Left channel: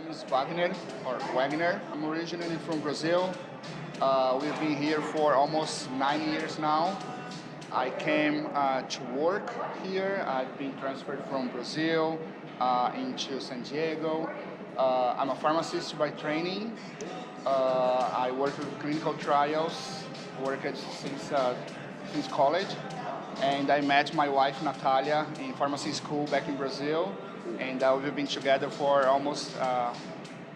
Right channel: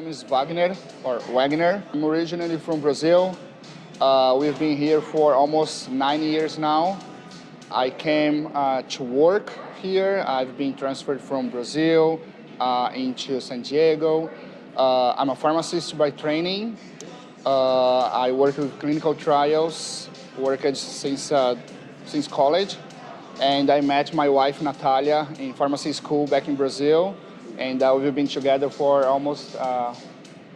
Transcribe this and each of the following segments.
name is Wagner, or Wagnão. I'm originally from Brazil. We've been here for almost 9 years now. I came to work here. I've been transferred from Brazil into San Diego. I'm a pharmacist by training. I work with clinical trials, worked since college. And I met my wife, Natalia, in pharmacy school back in Brazil. And we've been together for almost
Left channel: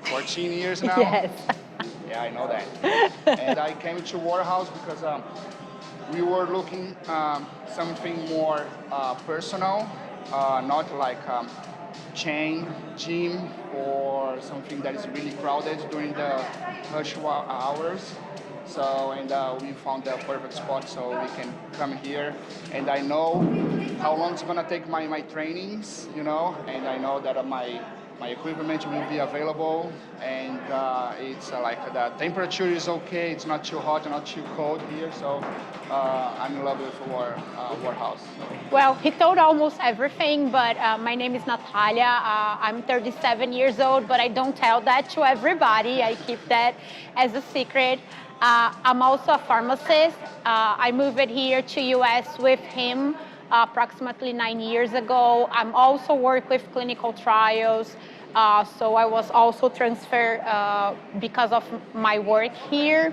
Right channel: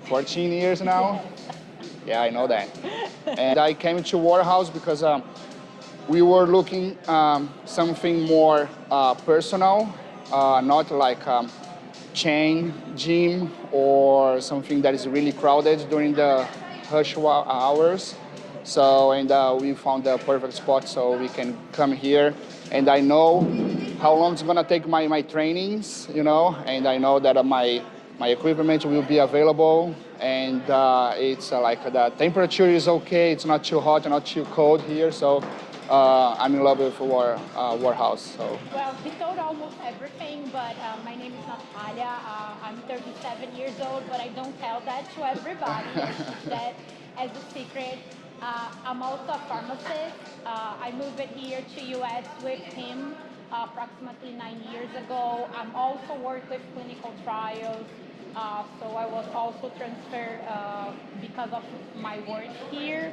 14 years now. Yes. Yeah, I know that. And I came to Warehouse because we were looking something more personal, not like chain gym or something that is really crowded during the rush hours. So, and we found the perfect spot so we can come here. And I know how long it's gonna take my trainings, you know, and I know that my equipment will be available, and it's like the temperature is okay. It's not too hot, not too cold here, so I'm in love with Warehouse. So. Well, he told almost everything, but my name is Natalia. I'm 37 years old, but I don't tell that to everybody. I keep that as a secret. I'm also a pharmacist. I moved here to US with him approximately 9 years ago. I'm also work with clinical trials. So I was also transferred because of my work here.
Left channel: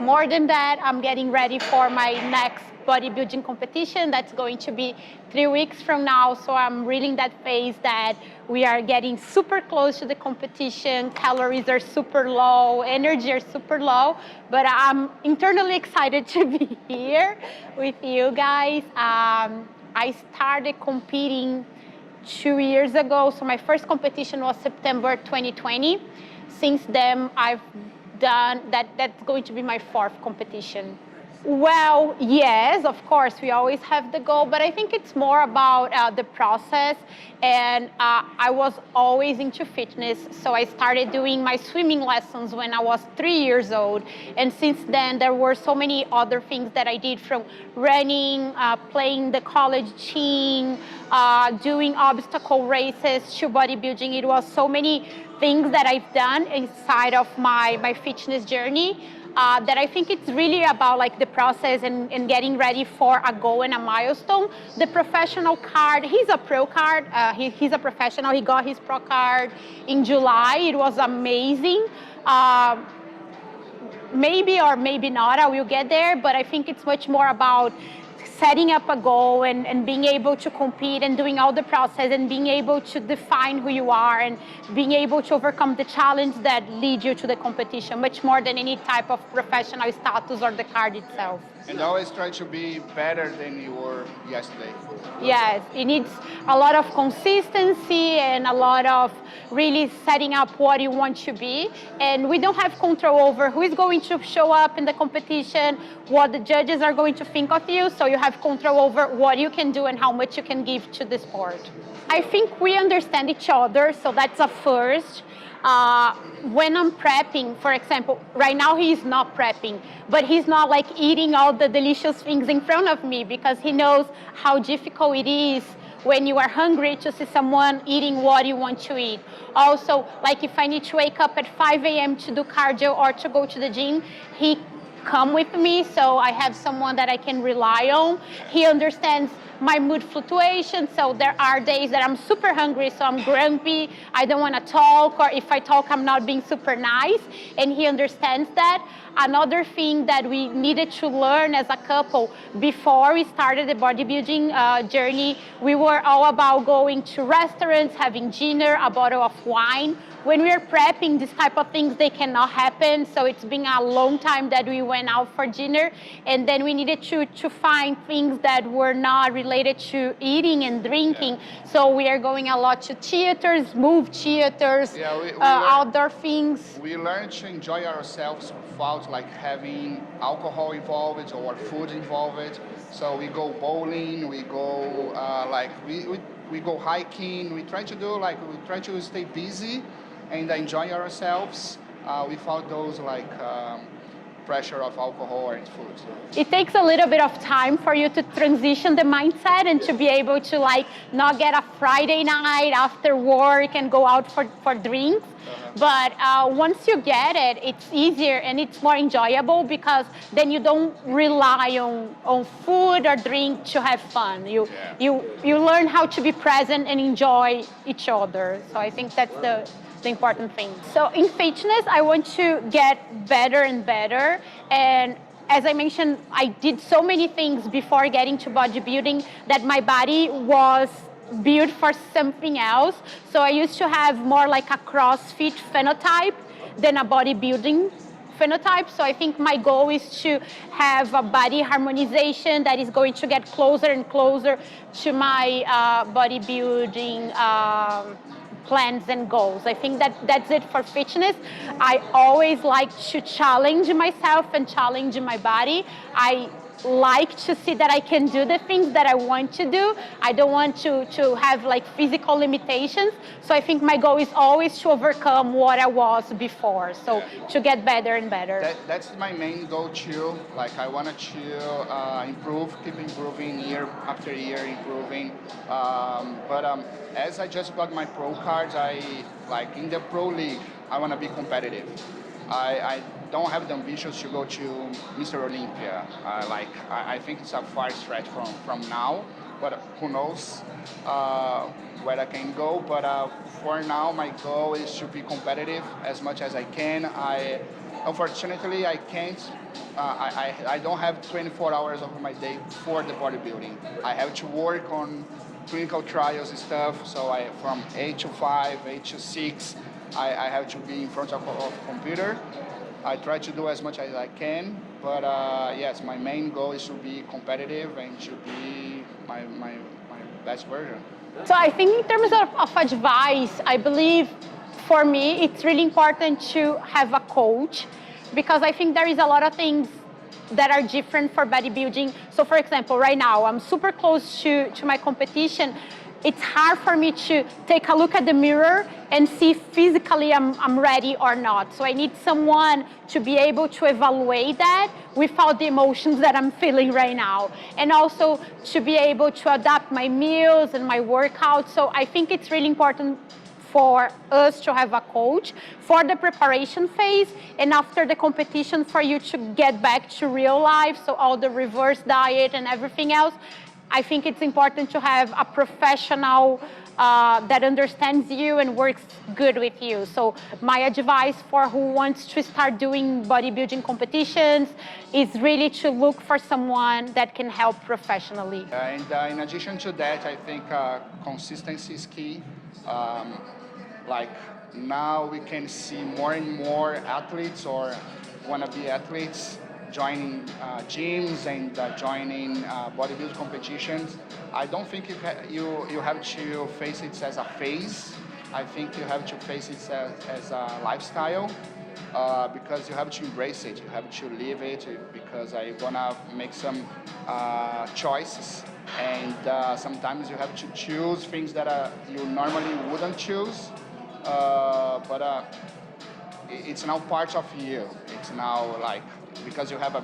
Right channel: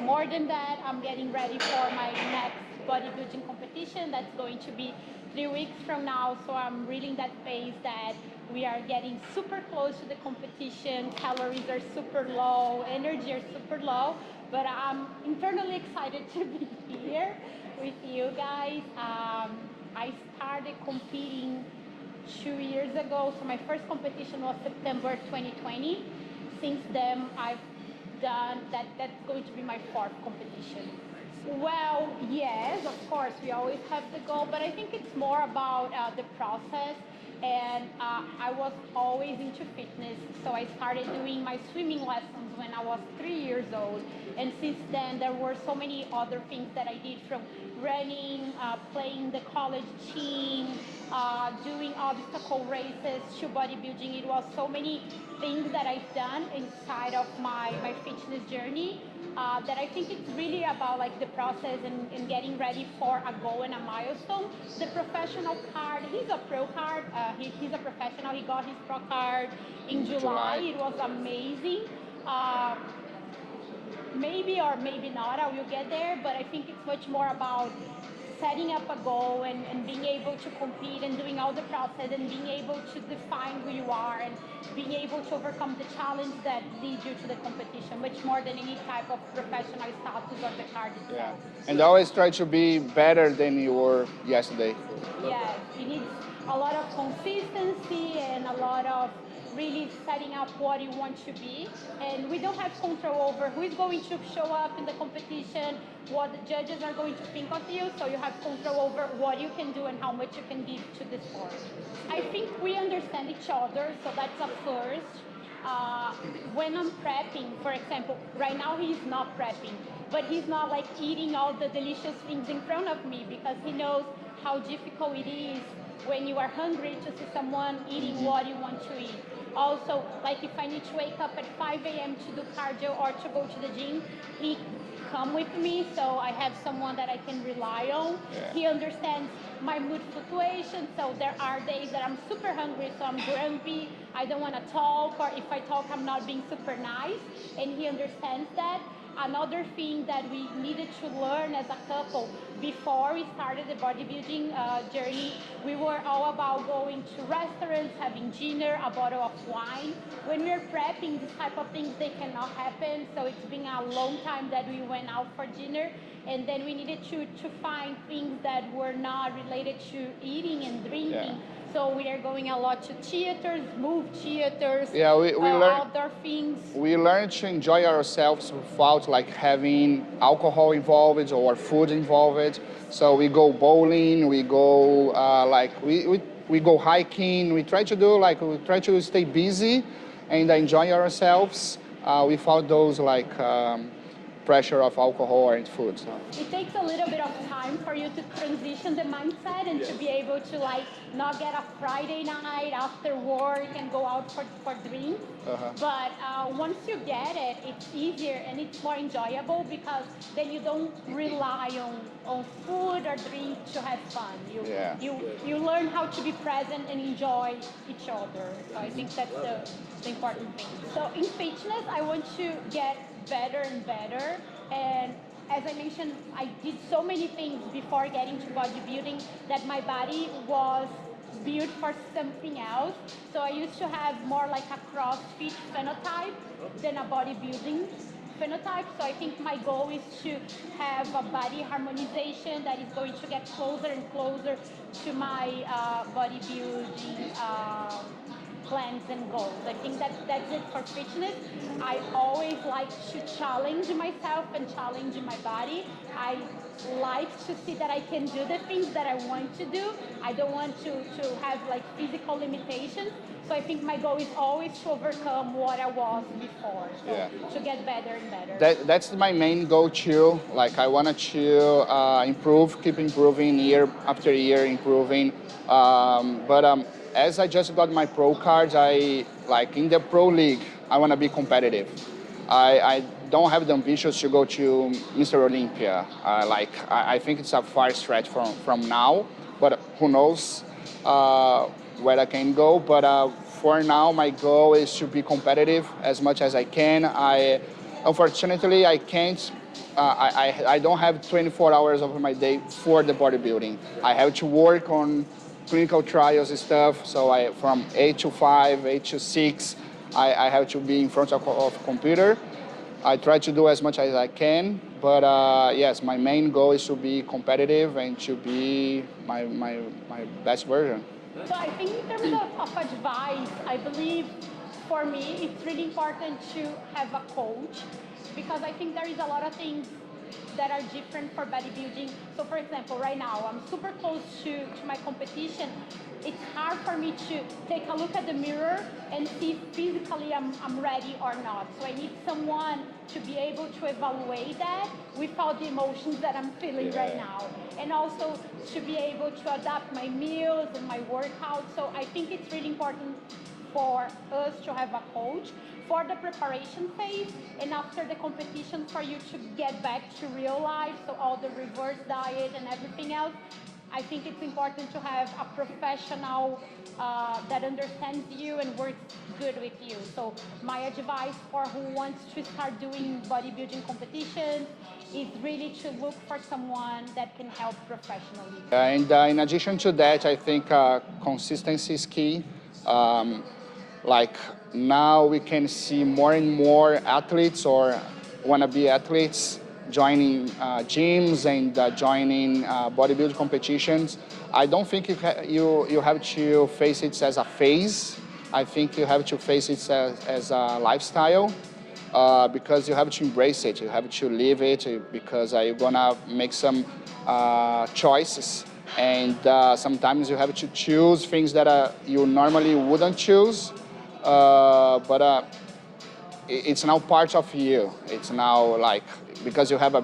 More than that, I'm getting ready for my next bodybuilding competition. That's going to be 3 weeks from now. So I'm really in that phase that we are getting super close to the competition. Calories are super low, energy are super low, but I'm internally excited to be here with you guys. I started competing 2 years ago. So my first competition was September 2020. Since then, I've done that's going to be my 4th competition. Well, yes, of course, we always have the goal, but I think it's more about the process. And I was always into fitness, so I started doing my swimming lessons when I was 3 years old. And since then, there were so many other things that I did, from running, playing the college team, doing obstacle races to bodybuilding. It was so many things that I've done inside of my fitness journey. That I think it's really about like the process and getting ready for a goal and a milestone. The professional card, he's a pro card, he's a professional, he got his pro card in July. It was amazing. Maybe or maybe not, I will get there, but I think it's much more about setting up a goal and being able to compete and doing all the process and being able to define who you are and being able to overcome the challenge that leads you to the competition, much more than any type of professional status or the card itself. And always try to be better than you were yesterday. Yes, it needs a lot of consistency and a lot of really setting up what you want to be. And we don't have control over who is going to show up in the competition, what the judges are going to think of you. So you have control over what you can do and how much you can give to the sport. I think we understand each other, so that's a first. When I'm prepping, for example, right now he's not prepping, but he's not like eating all the delicious things in front of me because he knows how difficult it is when you are hungry to see someone eating what you want to eat. Also, like if I need to wake up at 5 a.m. to do cardio or to go to the gym, he come with me, so I have someone that I can rely on. He understands my mood fluctuations, so there are days that I'm super hungry, so I'm grumpy, I don't want to talk, or if I talk, I'm not being super nice, and he understands that. Another thing that we needed to learn as a couple, before we started the bodybuilding journey, we were all about going to restaurants, having dinner, a bottle of wine. When we are prepping, this type of things, they cannot happen. So it's been a long time that we went out for dinner. And then we needed to find things that were not related to eating and drinking. Yeah. So we are going a lot to theaters, movie theaters, outdoor things. We learned to enjoy ourselves without like having alcohol involved or food involved. So we go bowling, we go we go hiking. We try to stay busy and enjoy ourselves without those pressure of alcohol or food. So. It takes a little bit of time for you to transition the mindset and to be able to like not get a Friday night after work and go out for drinks. But once you get it, it's easier and it's more enjoyable because then you don't rely on food or drink to have fun. You learn how to be present and enjoy each other. So I think that's the important thing. So in fitness, I want to get better and better. And as I mentioned, I did so many things before getting to bodybuilding that my body was built for something else. So I used to have more like a CrossFit phenotype than a bodybuilding phenotype. So I think my goal is to have a body harmonization that is going to get closer and closer to my bodybuilding plans and goals. I think that's it for fitness. I always like to challenge myself and challenge my body. I like to see that I can do the things that I want to do. I don't want to have like physical limitations. So I think my goal is always to overcome what I was before. So to get better and better. That's my main goal too. Like I wanted to improve, keep improving year after year, improving. As I just got my pro cards, in the pro league, I want to be competitive. I don't have the ambitions to go to Mr. Olympia. I think it's a far stretch from now, but who knows where I can go. But for now, my goal is to be competitive as much as I can. Unfortunately, I can't. I don't have 24 hours of my day for the bodybuilding. I have to work on clinical trials and stuff. So from 8 to 5, 8 to 6, I have to be in front of computer. I try to do as much as I can, but yes, my main goal is to be competitive and to be my best version. So I think in terms of advice, I believe for me, it's really important to have a coach because I think there is a lot of things that are different for bodybuilding. So for example, right now, I'm super close to my competition. It's hard for me to take a look at the mirror and see physically I'm ready or not. So I need someone to be able to evaluate that without the emotions that I'm feeling right now. And also to be able to adapt my meals and my workouts. So I think it's really important for us to have a coach for the preparation phase and after the competition for you to get back to real life. So all the reverse diet and everything else. I think it's important to have a professional that understands you and works good with you. So my advice for who wants to start doing bodybuilding competitions is really to look for someone that can help professionally. And in addition to that, I think consistency is key. Like now we can see more and more athletes or wannabe athletes joining gyms and joining bodybuilding competitions. I don't think you have to face it as a phase. I think you have to face it as a lifestyle because you have to embrace it. You have to live it because you're gonna make some choices. And sometimes you have to choose things that you normally wouldn't choose. But it's now part of you. It's now like, because you have a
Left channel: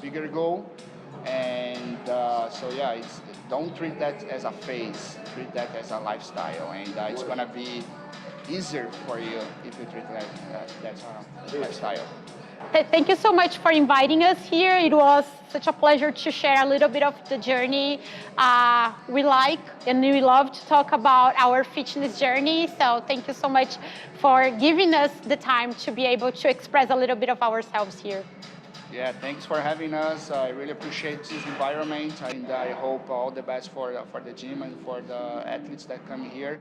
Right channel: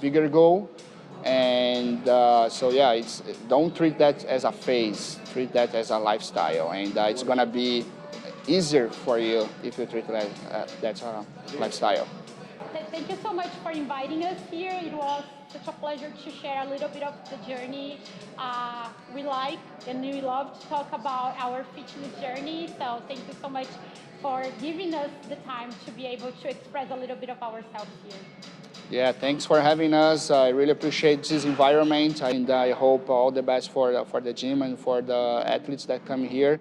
bigger goal. And so yeah, don't treat that as a phase, treat that as a lifestyle. And it's gonna be easier for you if you treat that that's a lifestyle. Thank you so much for inviting us here. It was such a pleasure to share a little bit of the journey we like and we love to talk about our fitness journey. So thank you so much for giving us the time to be able to express a little bit of ourselves here. Yeah, thanks for having us. I really appreciate this environment and I hope all the best for the gym and for the athletes that come here.